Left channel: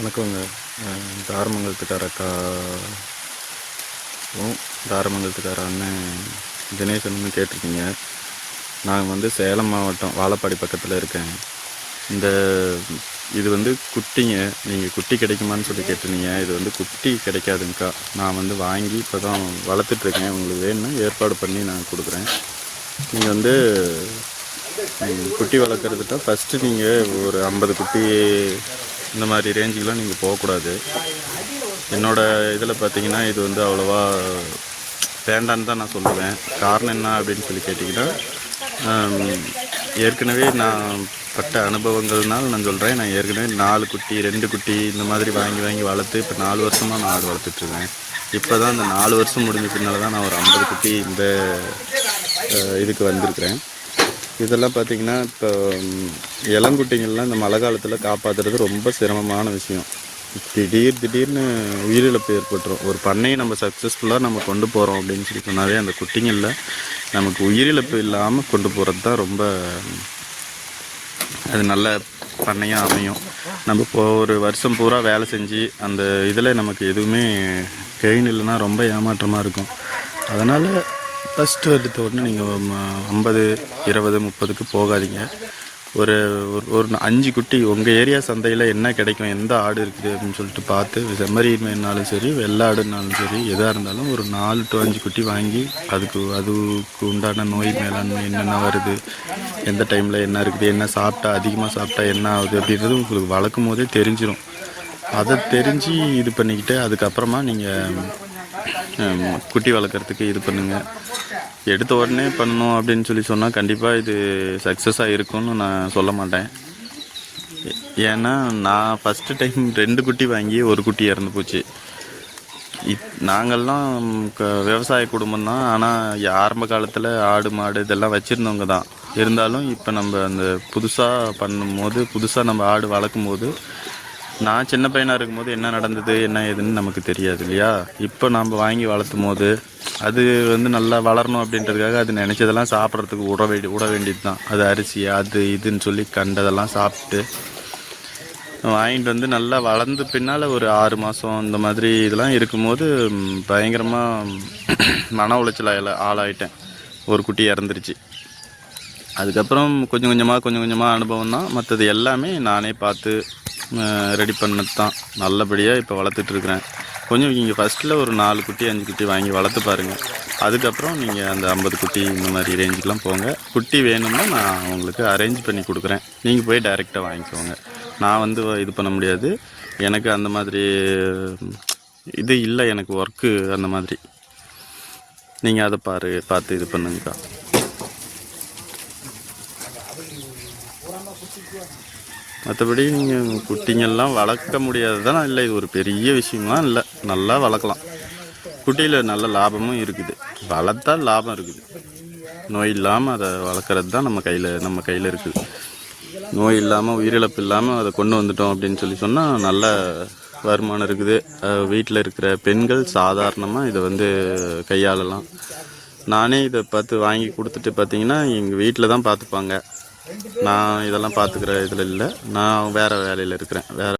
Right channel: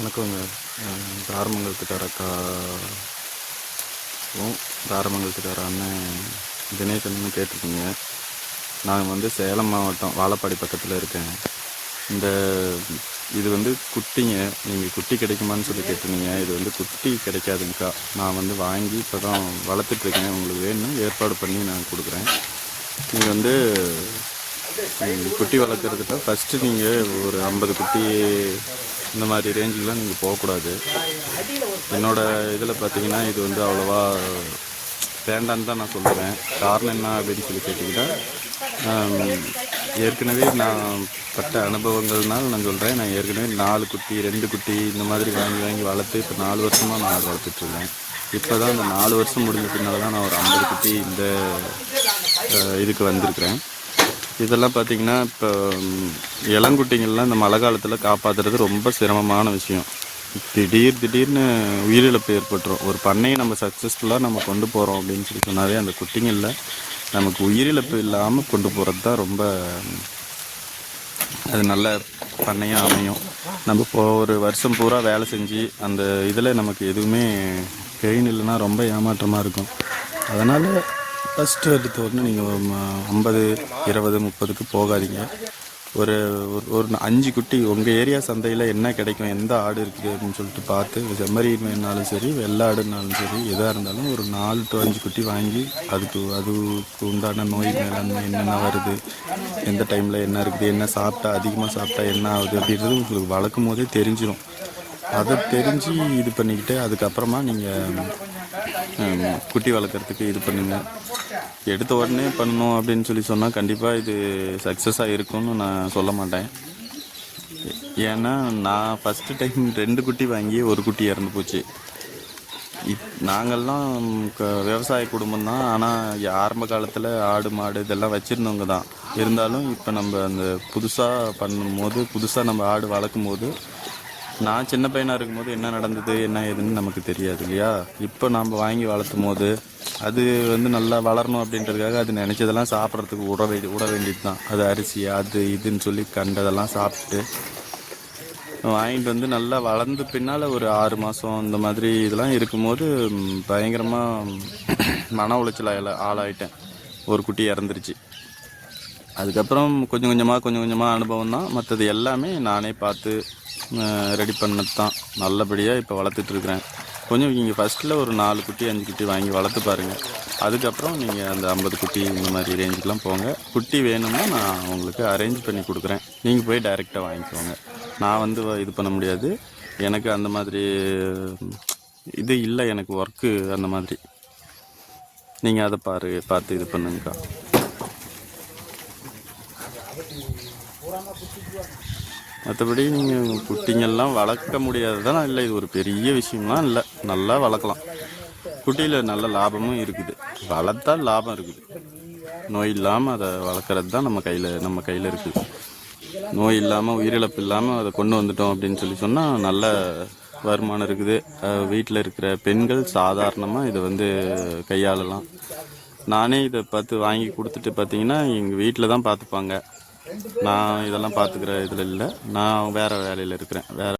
வணக்கங்க. தாரமங்கலத்துக்கார தாரமங்கலத்துக்கார அண்ணன் தினேசன்னு கேட்டிருக்கீங்க. நான் வந்து சேலம் மாவட்டம் வாழப்பாடி பக்கத்தில் இருக்கேன். இது வந்து குட்டிங்க. நீங்கள் குட்டி கிடைக்குமான்னு சொல்லி கேட்டிருந்தீங்க. இது வந்து குட்டி கிடைக்காதுங்கக்கா. நான் வந்து வாங்கி இப்போ தான் வளர்த்துட்ருக்கேன். உங்களுக்கு வேணும்னா ஏற்பாடு பண்ணி நான் கொடுக்குறேன். நீங்கள் வந்து குட்டி வளர்க்குறதுக்கு ஃபஸ்ட்டு நீங்கள் ஒரு 50 குட்டி இந்த மாதிரி ரேஞ்சுக்கெலாம் நீங்கள் போகக்கூடாது. என்னோடய இதில் பார்த்தீங்கன்னா இது வந்து அவ்வளோவா வேண்டான்னு தான் நான் சொல்லுவேன். காரணம் என்ன அப்படின்னு சொல்லி கேட்டிங்கன்னா, ஏற்கனவே நான் பட்ட அனுபவங்கள்னால் நான் சொல்கிறேன். நான் ஏற்கனவே 4 குட்டி 2 குட்டி இந்த மாதிரி வாங்கி வளர்த்து இப்போ 4 வருஷமாக நான் ஆடு வளர்த்துட்ருக்கேன். இப்போ தான் அந்த 4 வருஷம் முடிஞ்ச பின்னால் தான் நான் ஒரு 50 குட்டி இந்த இதுக்கு வந்திருக்கிறேன். இதெல்லாம் பார்த்திங்கன்னா இப்போ இளங்குட்டிங்கள்லாம் இந்த மழை காலத்தில் காப்பாற்றுறது ரொம்ப சிரமமான விஷயம். திடீர்னு உயிரிழப்பு ஏற்பட்டுரும். ஒரு பண்ணையை நம்ம சக்ஸஸ்ஃபுல்லாக நம்ம கொண்டு போகிறோம் அப்படின்னு சொல்லி சொன்னாவே அந்த குட்டிங்களில் நமக்கு உயிரிழப்பு இல்லாமல் கொண்டு போகிறது தான் ரொம்ப அது நல்ல பண்ணையாக அமையும். நம்ம இப்போ ஒரு வருஷம் பூரா வேலை செஞ்சு அந்த இதில் நமக்கு எதுவுமே கெயின் இல்லைன்னா ரொம்ப ஏமாற்றமாக இருக்கும். அதனால் ஃபஸ்ட்டு எடுத்த உடனே நீங்கள் 50, 20, 30க்கு போகாதீங்க. ஒரு 5 குட்டி உங்கள் ஏரியா சந்தையில் என்ன கிடைக்கும், எந்த ஆடு இருக்குது அப்படின்னு சொல்லிட்டு பார்த்து, செம்மறினாலும் சரி வெள்ளாடுனாலும் சரி எதாக இருந்தாலும் ஒரு 4 to 5 குட்டி வாங்கி அதுக்கு உண்டான நோய் மேலாண்மை என்னென்ன வருது, எந்த டைமில் என்ன இருக்குது, என்ன சாப்பிட்டா அதிகமாக சாப்பிட்டா என்ன ஆகுது அப்படின்றது உங்களுக்கு வளர்க்கும் போதே தெரிஞ்சிடும். அதை தெரிஞ்சு இது பண்ணிக்கிட்டு அதுக்கப்புறமா நீங்கள் குட்டி வளர்க்குறதுக்கு இது பண்ணுங்கள். எடுத்த உடனே பண்ணணும் அப்படின்னு சொல்லி சொன்னால் கண்டிப்பாக இது சக்ஸஸாக இருக்கும்னு நான் சொல்ல மாட்டேன். ஏன்னா நான் ஃபஸ்ட்டு டைம் 2 குட்டி வாங்கி ஒரு குட்டி இறந்து போச்சு. நாங்கள்லாம் விவசாய குடும்பம் தான். ஆனால் ஆரம்ப காலத்தில் ஆடு மாடு இதெல்லாம் வச்சுருந்தவங்க தான். இருந்தாலும் இப்போ நம்ம அந்த புதுசாக நம்ம ஆடு வளர்க்கும் போது, நான் சின்ன பையனாக இருக்கும்போது என்ன நடந்தது என்ன ஏதுன்னு நமக்கு தெரியாது இல்லையா. இப்போ நம்ம வாங்கி வளர்த்தும் போது அது வந்து நல்லா வளரணும் அப்படின்றதுக்காக அது நினச்சதெல்லாம் சாப்பிட்றதுக்கு விட வேண்டியது தான். அது அரிசி அது இதுன்னு சொல்லி கண்டதெல்லாம் சாப்பிட்டு வாங்கிட்டு வந்து நல்லா வளர்ந்து பின்னால் ஒரு 6 மாதம் இந்த மாதிரி இதெல்லாம் இருக்கும்போது பயங்கரமாக மன உளைச்சல் ஆளாயிட்டேன். ஒரு குட்டி இறந்துருச்சு. அதுக்கப்புறம் கொஞ்சம் கொஞ்சமாக அனுபவம் தான். மற்றது எல்லாமே நானே பார்த்து ரெடி பண்ணது தான். நல்லபடியாக இப்போ வளர்த்துட்ருக்குறேன். கொஞ்சம் நீங்கள் ஃபஸ்ட்டில் ஒரு 4 குட்டி 5 குட்டி வாங்கி வளர்த்து பாருங்கள். அதுக்கப்புறம் நீங்கள் அந்த 50 குட்டி இந்த மாதிரி ரேஞ்சுக்கெலாம் போங்க. குட்டி வேணும்னா நான் உங்களுக்கு அரேஞ்ச் பண்ணி கொடுக்குறேன். நீங்கள் போய் டைரெக்டாக வாங்கிக்கோங்க. நான் வந்து இது பண்ண முடியாது. எனக்கு அந்த மாதிரி இது இல்லை. எனக்கு ஒர்க்கு அந்த மாதிரி. நீங்கள் அதை பார்த்து இது பண்ணுங்கக்கா. மற்றபடி நீங்கள் குட்டிங்கெல்லாம் வளர்க்க முடியாது தானே இல்லை. இது ஒரு பெரிய விஷயம்லாம் இல்லை. நல்லா வளர்க்கலாம். குட்டியில் நல்ல லாபமும் இருக்குது. வளர்த்தால் லாபம் இருக்குது. நோய் இல்லாமல் அதை வளர்க்குறது தான் நம்ம கையில் இருக்குது. நோய் இல்லாமல் உயிரிழப்பு இல்லாமல் அதை கொண்டு வந்துட்டோம் அப்படின்னு சொல்லி சொன்னால் நல்ல வருமானம் இருக்குது. வீட்டில் இருக்கிற பெண்கள் சாதாரணமாக இதை வந்து கையாளலாம். நானே இதை பார்த்து வாங்கி கொடுத்துட்டு பார்த்தீங்கன்னா எங்கள் வீட்டில் தான் பார்த்துப்பாங்க. நான் இதெல்லாம் பார்த்துக்கிற இதில் இல்லை. நான் வேறு வேலையில் இருக்கிறேன்.